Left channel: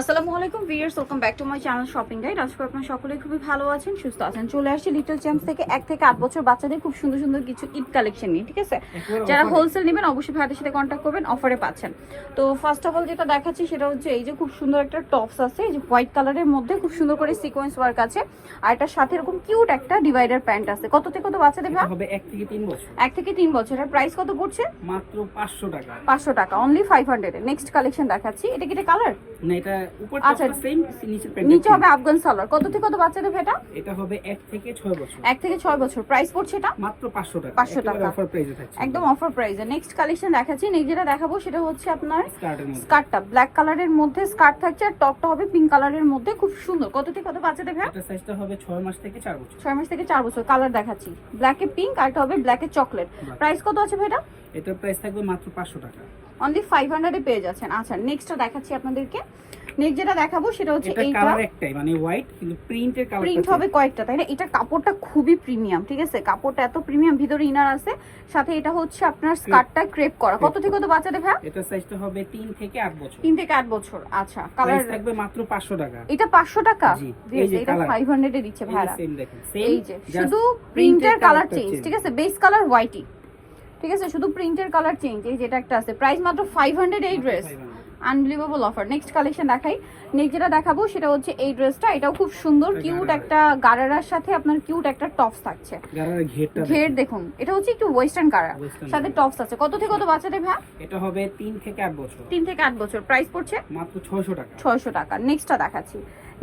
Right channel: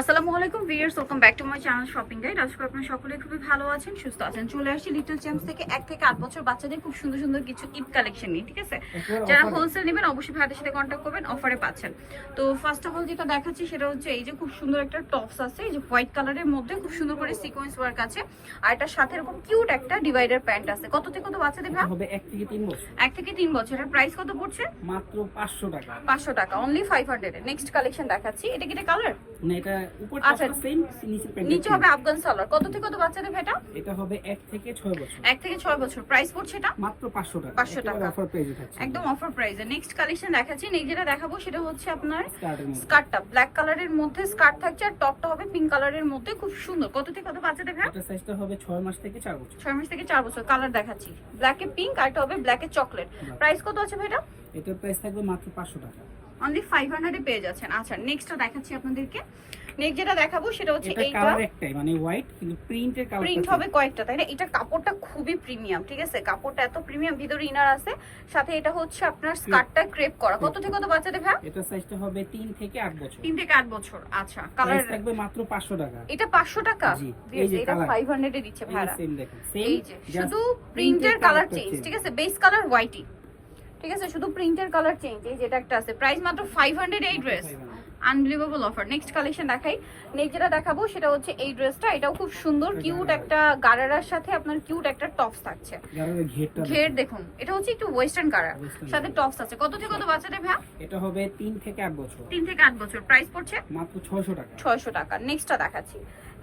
আসসালামু আলাইকুম viewers welcome back to my channel shopping guide. আজকে আপনারা সকলেই খুবই ভালো আছেন সুস্থ আছেন। চলে আসছি লিটল চ্যাম্পস থেকে এক থেকে আট বছর বাচ্চাদের খুব সুন্দর সুন্দর কিছু ঈদ কালেকশন নিয়ে ঠিক আছে? যারা হোলসেল নেবেন অবশ্যই ভাইদের সাথে কন্ট্যাক্ট করবেন অফারে পাচ্ছেন। তো ফার্স্ট অফ অল যেটা দেখাচ্ছি সেটা হচ্ছে এই যে খুব সুন্দর একটা টপস আছে এই যে হোয়াইট কালারের মধ্যে খুব সুন্দর করে সিকোয়েন্স ওয়ার্ক আছে। আর এটার সাথে এরকম কিউট একটা ডিভাইডার প্যান্ট আছে। কত থেকে কত বাচ্চাদের হবে এক থেকে তিন বছর। এক থেকে তিন বছরের প্রাইস কত পড়ছে? মাত্র পাঁচশো টাকা। পাঁচশো টাকা। Only five hundred next collection দেখাচ্ছি। এটা কি এটা কালার না এটা উপর আচ্ছা। সেম নিচের প্যান্ট নিচে হবে আফগান সালোয়ার। কত থেকে কত বাচ্চাদের ভেটা? এটা হবে থেকে বছর। থেকে প্রাইস পড়ছে এটা? মাত্র পাঁচশো টাকা। 500 টাকা। অফার প্রাইসে থাকছে। একদম অফার প্রাইসে নেক্সট কালেকশন দেখাচ্ছি। নেক্সট যেটা দেখাবো সেটা হচ্ছে আপনার স্কার্টটা ব্ল্যাক কালারের মধ্যে স্কার্ট থাকছে আর টপটা হবে পিঙ্ক কালারের মধ্যে। খুব সুন্দর। কত থেকে কত বাচ্চাদের ভ্যা এটা সাইজটা হবে ছয় মাস থেকে চার বছর। ছয় মাস থেকে বছর। কালার দেখাচ্ছি। ব্ল্যাকে পিঙ্ক আর এটা হবে ব্ল্যাকে চকলেট প্রাইস কত আছে ভাইটা এটার প্রাইস থাকবে মাত্র পাঁচশো টাকা। অনলি ফাইভ হান্ড্রেডে পেয়ে যাচ্ছেন। আচ্ছা নেক্সটটা দেখাচ্ছি আপনাদেরকে। নেক্সট যেটা দেখাবো সেটা হচ্ছে এটা কালার একটাই মানে হোয়াইট কিন্তু প্রিন্টের কালারটা প্রিন্ট হবে কয়েকটা তাই না? এটা কাপড়টা খুবই প্রিমিয়াম ঠিক আছে? কাপড়টা এত প্রিমিয়াম ভিতরে ইনার আছে। সাথে এটা হচ্ছে আপনার স্কার্টটা ক্রেপ করা। কত থেকে কত বাচ্চাদের ভ্যা এটার সাইজটা হবে তিন থেকে আট বছর। তিন থেকে আট বছর আচ্ছা কালার থাকবে মাত্র পাঁচশো টাকা। এটা পাঁচশো টাকা? জি, এই যে colour। ফাইভ হান্ড্রেডে দিচ্ছে ভাড়া সেম দেখেন সেম শুধু প্রিন্টের কালার চেঞ্জ ঠিক আছে? বেস কালার হোয়াইটই ঠিক আছে? শুধু প্রিন্টের কালার চেঞ্জ এই যেটা একটা আছে। প্রাইস মাত্র ফাইভ হান্ড্রেড এই dress unbelievable offer next collection দেখাই। নেক্সট যেটা দেখাবো সেটা হচ্ছে এই ড্রেসটা এটাও খুব সুন্দর কিউট। একটা গারারার সাথে আপনার কিউট একটা টপস থাকছে। ঘের দেখুন। এটা হচ্ছে একটু ওয়েস্টার্ন গারার সাথে টপস আছে। কত থেকে কত বাচ্চাদের ভাই এটা হবে তিন থেকে আট বছর। তিন থেকে আট বছর। প্রাইস পড়ছে? মাত্র ছয়শো টাকা। ছয়শো টাকা। নেক্সটটা দেখাচ্ছি।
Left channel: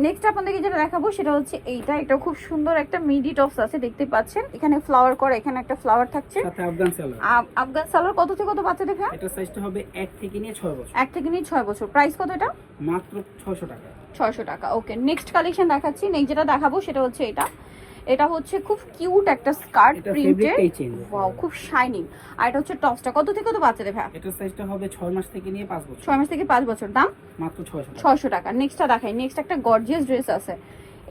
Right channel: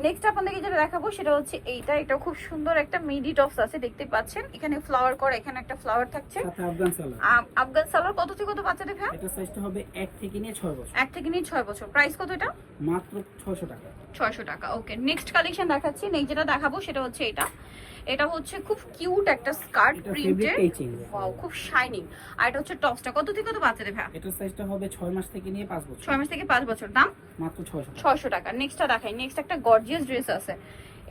নেক্সট আপনাদেরকে যেটা দেখাবো সেটা হচ্ছে এইটা। এটা খুব সুন্দর একটা মিডি টপস আছে দেখতে পাচ্ছেন। এখানে ফ্লাওয়ার করা এখানে একটা ফ্লাওয়ার থাকছে। সাথে আফগান সালোয়ার আফগান সালোয়ার কত থেকে কত বাচ্চাদের দেখা এটা সাইজটা হবে 1 থেকে নিয়ে 6 বছর। 1 থেকে নিয়ে 6 বছর। প্রাইস কত এটা? মাত্র ছয়শো টাকা। ছয়শো টাকা। ওকে নেক্সট কালেকশন দেখাচ্ছি। নেক্সট যেটা দেখাবো সেটা হচ্ছে এটা। এটা হচ্ছে খুব কিউট একটা স্কার্ট চেঞ্জ খুব শাইনিং আর এটা হচ্ছে টপসটা। কত থেকে কত বাচ্চাদের ভাই? এটা সাইজটা হবে ছয় মাস থেকে নিয়ে পাঁচ বছর। ছয় মাস থেকে পাঁচ বছর। দাম? মাত্র ছয়শো টাকা। ছয়শো টাকা। নেক্সটটা দেখাই। নেক্সট একটা গর্জিয়াস ড্রেস আছে।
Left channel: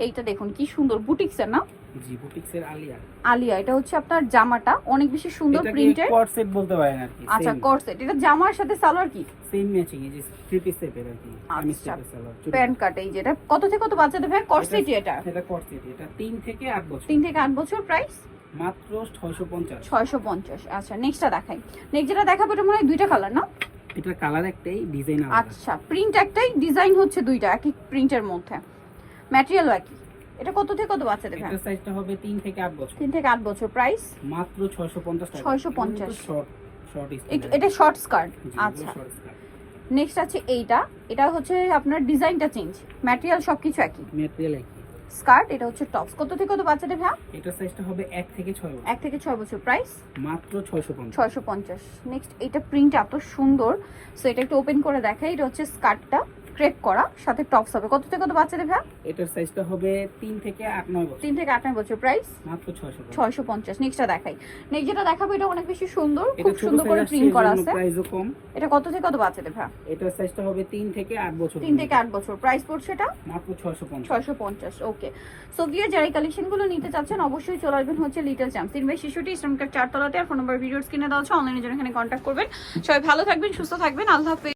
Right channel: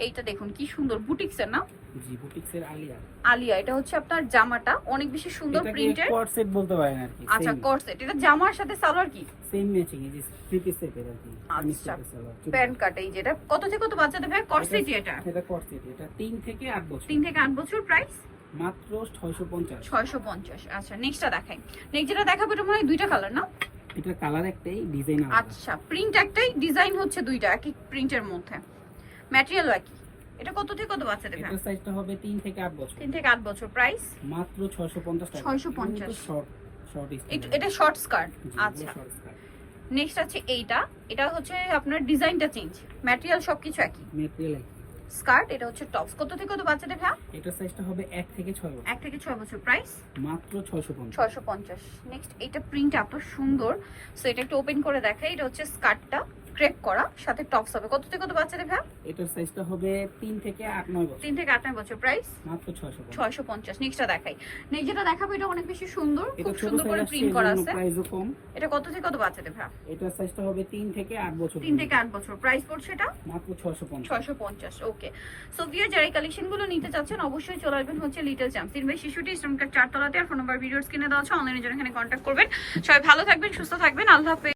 এইটা দেখুন কি সুন্দর। বুটিক্সের না? জি বুটিক্সের আলিয়া। আলিয়া এটা হচ্ছে আপনার জামাটা। অনেক বেশি সুন্দর এটাকে প্রিন্টের কোয়াড সেট বলতে পারেন আর কি আচ্ছা করসেট এটা জামার সাথে সালোয়ার কি? সেম ম্যাচিং এই যে থ্রি পিস টাইপের আর কি আমি আচ্ছা। সালোয়ার প্যান্ট কাট এই যেটা কত থেকে কত বাচ্চাদের ভাই? করসেট এটা? এটা কোয়াড সেট এটা তিন থেকে আট বছর। তিন থেকে আট বছর প্রাইস মাত্র ছয়শো পঞ্চাশ। ছয়শো পঞ্চাশ। আচ্ছা নেক্সটটা দেখাই। নেক্সট যেটা দেখাবো এটা মনে হয় দুইটা কালার না? এটার কালার একটাই ডিজাইন আলাদা। আচ্ছা প্রিন্ট একটাই ডিজাইন হচ্ছে দুইটা একই প্রিন্টের মধ্যে। ম্যাটেরিয়াল একই এটা কত থেকে কত বাচ্চাদের এটার সাইজটা হবে তিন থেকে আট বছর। তিন থেকে আট বছর প্রাইস মাত্র ছয়শো পঞ্চাশ টাকা। 650 শর্ট শর্ট এটা শর্ট স্কার্ট আচ্ছা। নেক্সট আছে এইটা। এটা হচ্ছে আপনার ডিজাইনটা চেঞ্জ ম্যাটেরিয়াল সবকিছু একই। মেটেরিয়াল একই। স্কার্ট এটা হচ্ছে টপস কত থেকে কত বাচ্চাদের ভাই এটার সাইজটা হবে এক থেকে ছয় বছর। এক থেকে ছয় বছর প্রাইস মাত্র ছয়শো পঞ্চাশ। ছয়শো পঞ্চাশ। নেক্সট এটা প্রিন্ট এত সুন্দর। সো এটা একটু ওপেন করে দেখাই। এটা হচ্ছে স্কার্টটা ক্রেপ করা সাথে টপস হবে। কত থেকে কত বাচ্চাদের ভাই এটার সাইজটা হবে তিন থেকে আট নয় বছর। তিন থেকে আট নয় বছর প্রাইস মাত্র ছয়শো ছয়শো পঞ্চাশ। নেক্সটটা দেখাই। নেক্সট যেটা দেখাবো এটা অনেক বেশি সুন্দর খুব সুন্দর করে প্রিন্ট করা আছে। প্রাইসও কম। এটা কত থেকে কত বাচ্চাদের ভাই এটার সাইজটা হবে তিন থেকে আট বছর তিন থেকে আট বছর। প্রাইস পড়ছে এটা? মাত্র ছয়শো পঞ্চাশ। ছয়শো পঞ্চাশ ওকে সো ভিয়ার যারা কালেকশনগুলো নিতে চাচ্ছেন অবশ্যই চলে আসবেন হচ্ছে লিটল চ্যাম্প তিন বাই শিশুটি ইসলামকার চারতলাতে। আর ফোন নাম্বার ভিডিওস কিনে দেওয়া আছে অনলাইনের জন্য এখানে কন্ট্যাক্ট করবেন। সবাই ভালো থাকবেন সুস্থ থাকবেন। আল্লাহ হাফেজ।